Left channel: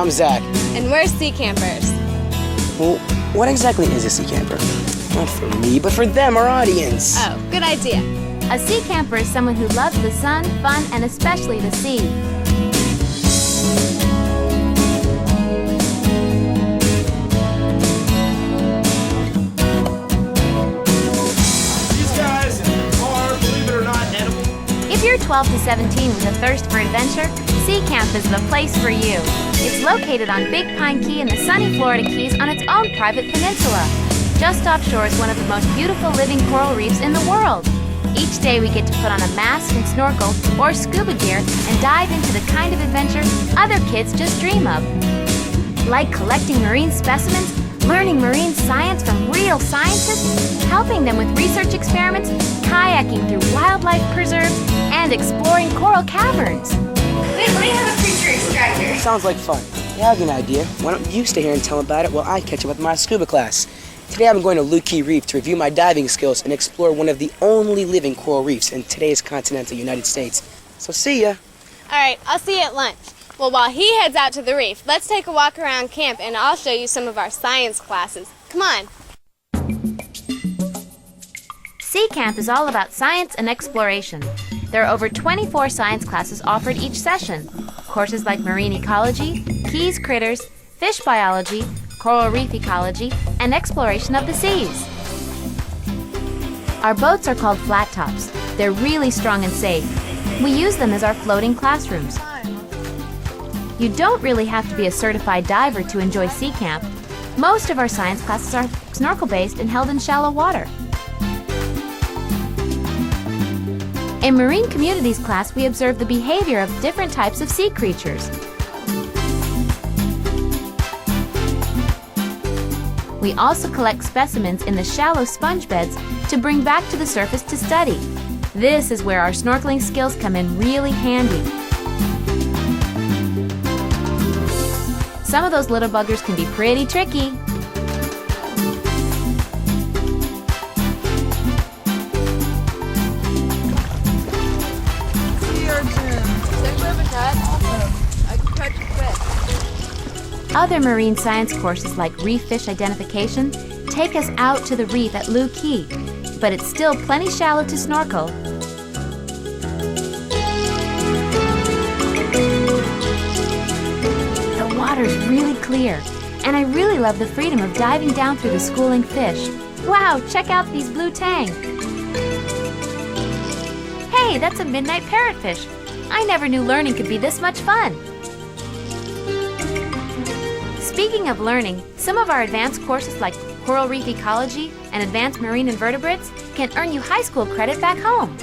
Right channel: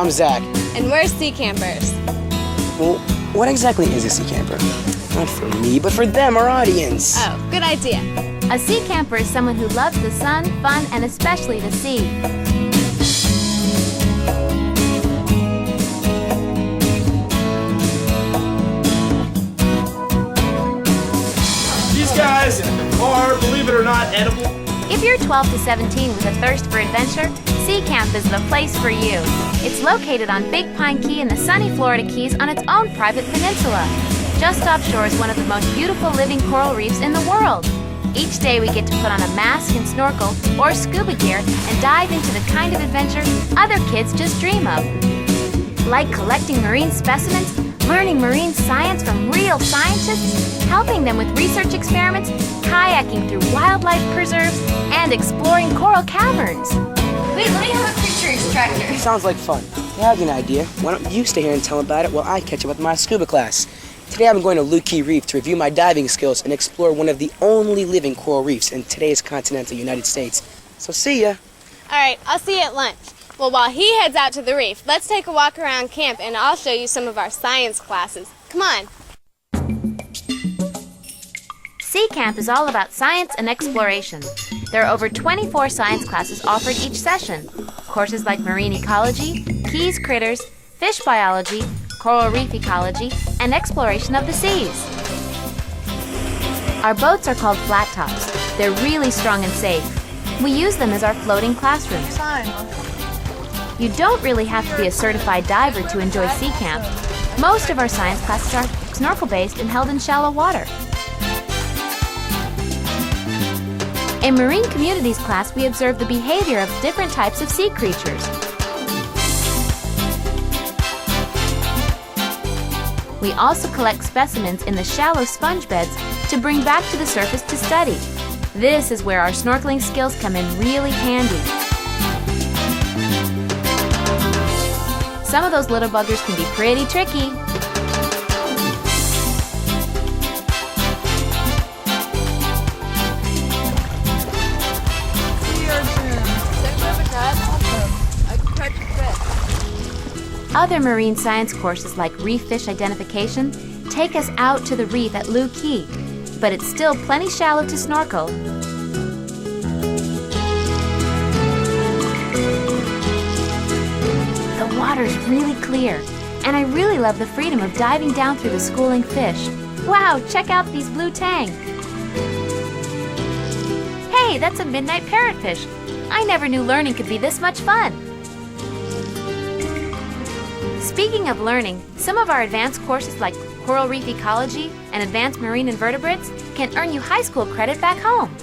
I'm Zach. And we're sea campers. Well, what exactly is a sea camper? Not for me, but for them, our audience. Oh, good idea. A sea camper is someone who loves the sun, fun, and especially the sea. These guys are, believe it or not, edible. If you're 12 to 17 with a thirst for adventure, Seacamp is the place for you. It's located on Big Pine Key in the sunny Florida Keys on its own private peninsula. Just offshore is one of the most beautiful living coral reefs in the world. Each day we get to put on a mask and snorkel or scuba gear and dive into the kind of adventure other kids just dream of. Like collecting marine specimens, learning marine science from real scientists, helping them with research experiments, kayaking through wildlife preserves, and exploring coral caverns. Wait, let me have a creature extractor. Sounds like fun. I have an idea. Why don't you stay here and tell them about it while I catch up with my scuba class? Today I'm going to Looe Reef to review my diving skills and explore one of the only living coral reefs in today's continental United States. So see ya. All right, I'll see you at lunch. Well, while he heads out to the reef, let's take a walk around camp and I'll show you some of our science classes. Come on. Seacamp is all about science and exploration. There are over 24 science classes offered each session. Courses like marine ecology, keys critters, fish biology, coral reef ecology, and exploration of the seas. Our boats are called flat tops. They're really strong and safe. We use them as our floating classrooms. You don't really have to be a certified diver to enjoy Seacamp. Most of our science classes are snorkel-based and held in shallow water. In Marine Communities class, we observe the behavior of different types of sea creatures. We also collect specimens in the shallow sponge beds to bring back to the surface to study. This is where our snorkeling skills come in really handy. Some of those little buggers can be pretty tricky. Other marine science courses like reef fish identification take us out to the reef at Looe, but it's still plenty shallow to snorkel. The water's really clear, and I really love the freedom of diving down through the schooling fish. Wow, check out these blue tang. Hey, that's a midnight parrotfish. I never knew learning could be this much fun. Speaking of learning, some of our advanced courses like coral reef ecology and advanced marine invertebrates can earn you high school credit back home.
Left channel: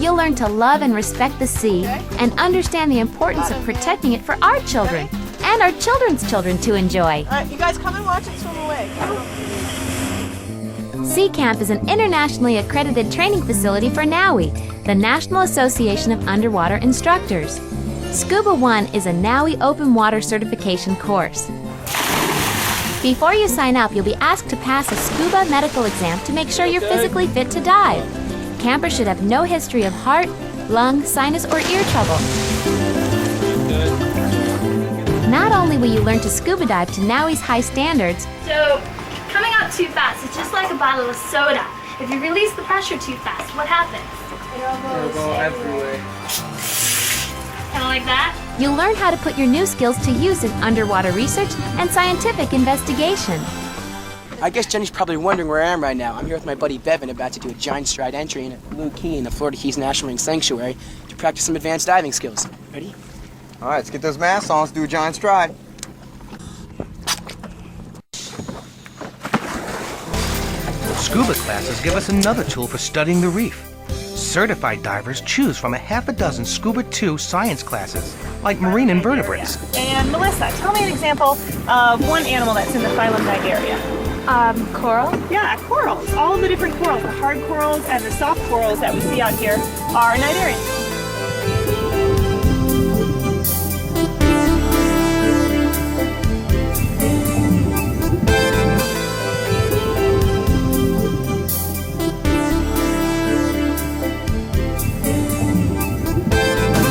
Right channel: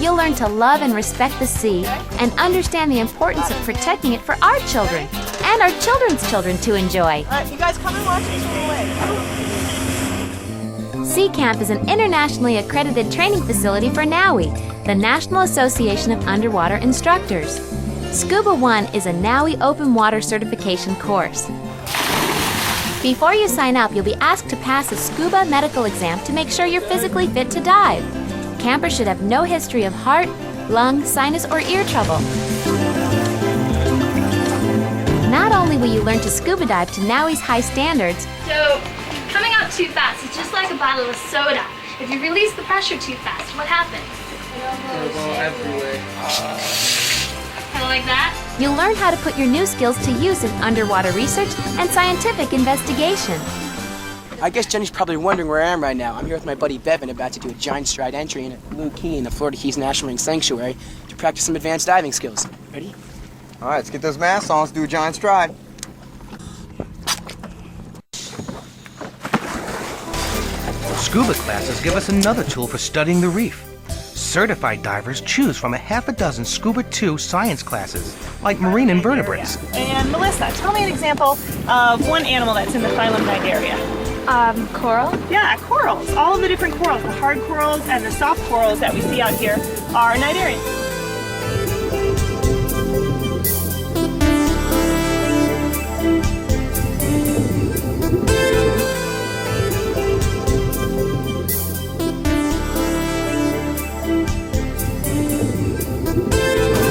You'll learn to love and respect the sea and understand the importance of protecting it for our children and our children's children to enjoy. You guys come and watch us swim away. Seacamp is an internationally accredited training facility for NAUI, the National Association of Underwater Instructors. SCUBA 1 is a NAUI open water certification course. Before you sign up, you'll be asked to pass a SCUBA medical exam to make sure you're physically fit to dive. Campers should have no history of heart, lung, sinus, or ear trouble. Not only will you learn to scuba dive to NAUI's high standards, So, coming out too fast is just like a bottle of soda. If you release the pressure too fast, what happens? It'll go everywhere. Kind of like that? you'll learn how to put your new skills to use in underwater research and scientific investigation. I guess Jenny's probably wondering where I am right now. I'm here with my buddy Bevan, about to do a giant stride entry in Looe in the Florida Keys National Marine Sanctuary to practice some advanced diving skills. Ready? All right, let's get those masks on. Let's do a giant stride. Scuba classes give us another tool for studying the reef. Certified divers choose from a half a dozen Scuba 2 science classes, like marine invertebrates. And Melissa, tell me an example of one animal that's in the phylum bag area. Coral? Yeah, corals. All of the different corals, the hard corals and the soft corals that we see out here are cnidarians.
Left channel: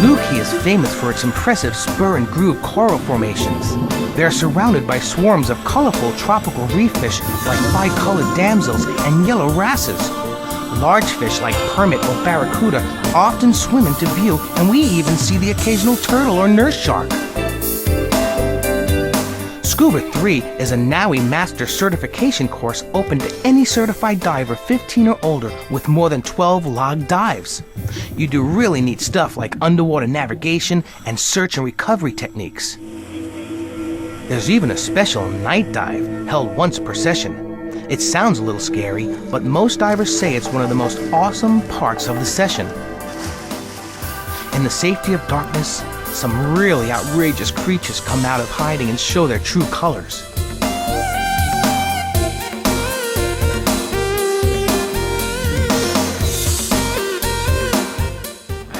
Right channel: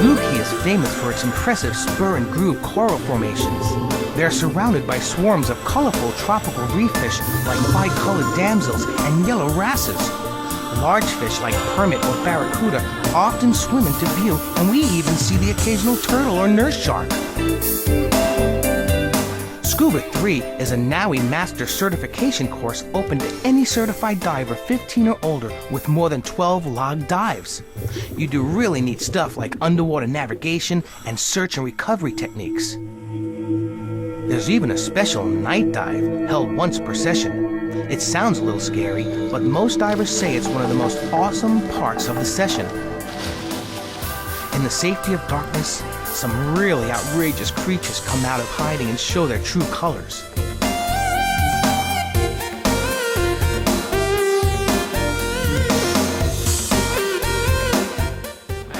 Looe is famous for its impressive spur and groove coral formations. They're surrounded by swarms of colorful tropical reef fish like bi-colored damsels and yellow wrasses. Large fish like permit or barracuda often swim into view, and we even see the occasional turtle or nurse shark. SCUBA 3 is a NAUI Master Certification course open to any certified diver 15 or older with more than 12 logged dives. You do really neat stuff like underwater navigation and search and recovery techniques. There's even a special night dive held once per session. It sounds a little scary, but most divers say it's one of the most awesome parts of the session. In the safety of darkness, some really outrageous creatures come out of hiding and show their true colors.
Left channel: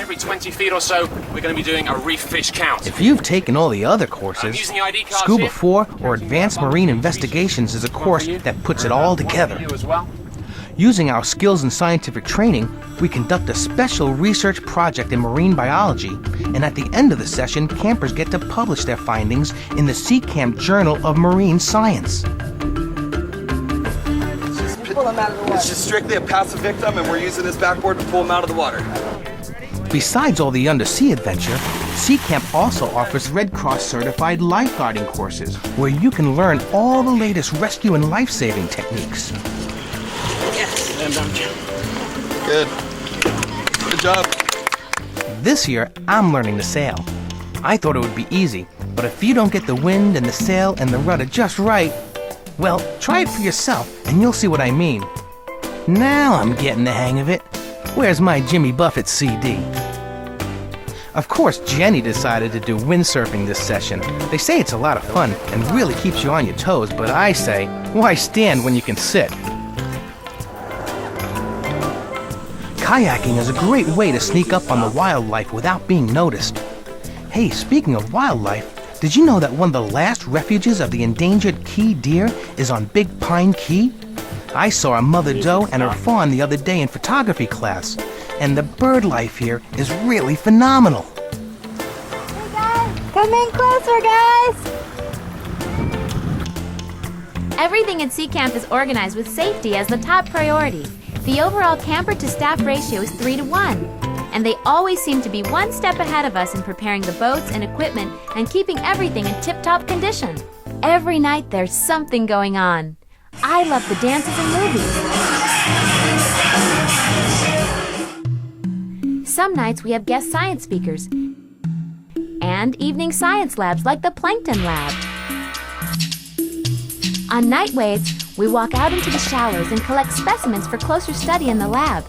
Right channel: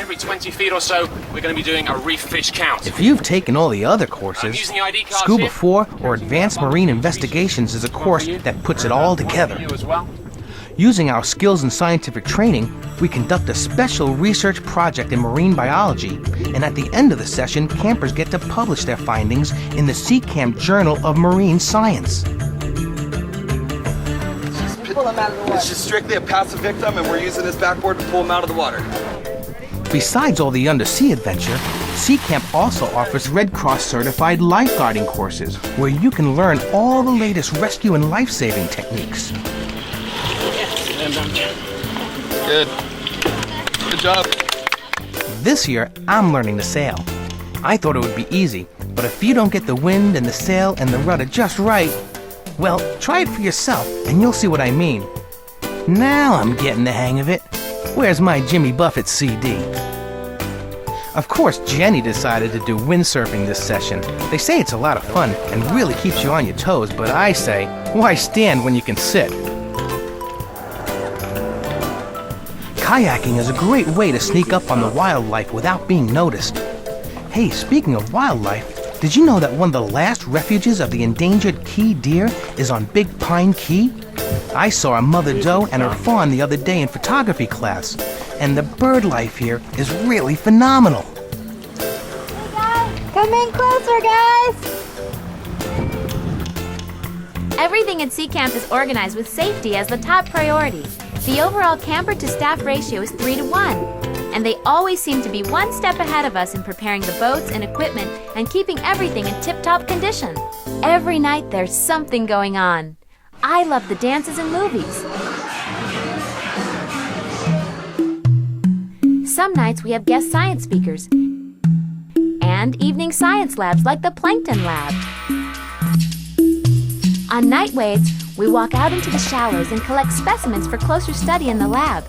Every 20 feet or so, we're going to be doing a reef fish count. If you've taken all the other courses, SCUBA 4 or Advanced Marine Investigations is a course that puts it all together. Using our skills and scientific training, we conduct a special research project in marine biology, and at the end of the session, campers get to publish their findings in the Seacamp Journal of Marine Science. It's just strictly a passive victim, and we're using this backboard to pull him out of the water. Besides all the undersea adventure, Seacamp also offers Red Cross certified lifeguarding courses, where you can learn all the latest rescue and life-saving techniques. Good. Good job. This year, I'm learning to sail. I thought it would be easy, but if you don't get the wind and the sail and the rudder just right, well, try it for yourself and you'll see what I mean. Now I'm getting the hang of it. Where's my Jimmy Buffett CD? Of course, Jenny decided to do windsurfing this session. They say it's a lot of fun and really keeps you on your toes, but I say, why stand when you can sit? Kayaking is a great way to sneak up on the wildlife without being noticed. Hey, speaking of wildlife, did you know that one of the last refuges of the endangered key deer is on Big Pine Key? I saw a mother doe and her fawn the other day in photography class, and the bird life here is really phenomenal. Come in closer, guys! Everything at Seacamp is organized with safety as the top priority. The overall camper-to-staff ratio is 3 to 1, and they always seem to be one step ahead of us in preparing the boats and equipment and keeping everything in tip-top condition. Every night there's something going on. I love the dances and movies. Some nights we have guest science speakers and evening science labs like the Plankton Lab. On night waves, we walk out into the shallows and collect specimens for closer study in the lab.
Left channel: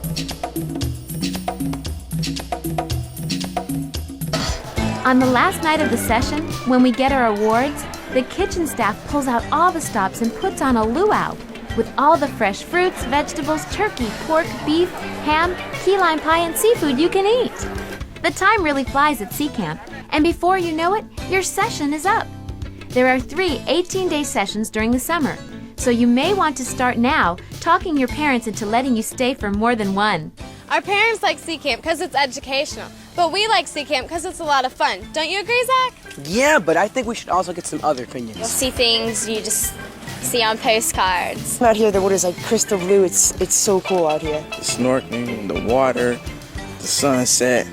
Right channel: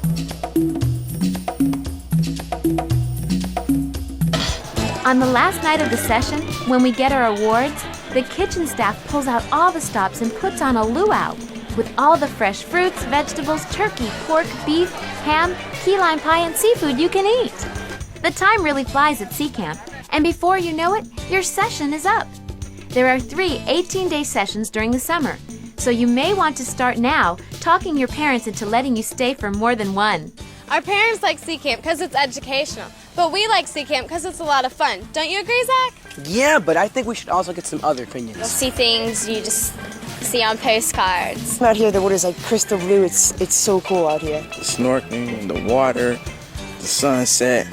On the last night of the session, when we get our awards, the kitchen staff pulls out all the stops and puts on a luau with all the fresh fruits, vegetables, turkey, pork, beef, ham, key lime pie, and seafood you can eat. The time really flies at Seacamp, and before you know it, your session is up. There are 3 18-day sessions during the summer, so you may want to start now talking your parents into letting you stay for more than one. Our parents like Seacamp because it's educational, but we like Seacamp because it's a lot of fun. Don't you agree, Zach? Yeah, but I think we should also get some other opinions. You'll see things you just see on postcards. Out here, the water's like crystal blue. It's so cool out here. The snorkeling, the water, the sunset,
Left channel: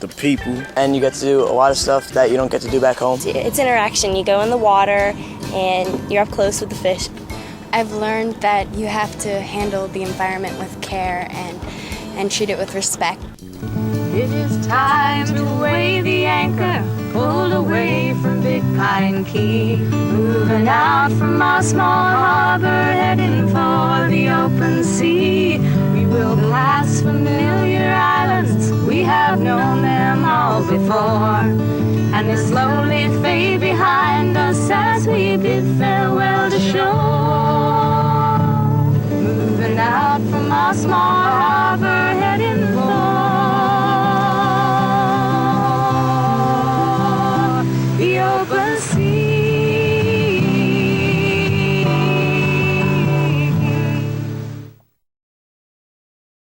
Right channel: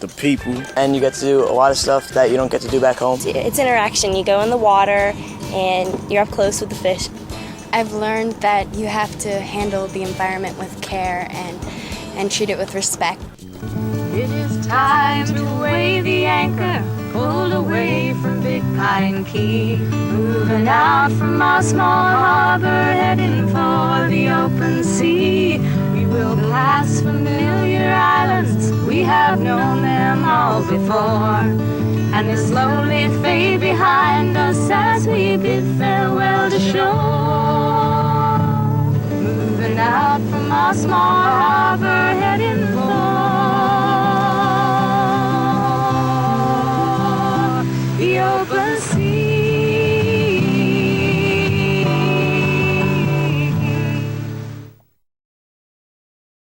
the people. And you get to do a lot of stuff that you don't get to do back home. It's interaction. You go in the water and you're up close with the fish. I've learned that you have to handle the environment with care and treat it with respect. It is time to weigh the anchor, pulled away from Big Pine Key, moving out from our small harbor, heading for the open sea. We will pass familiar islands, we have known them all before, and they slowly fade behind us as we bid farewell to shore. Moving out from our small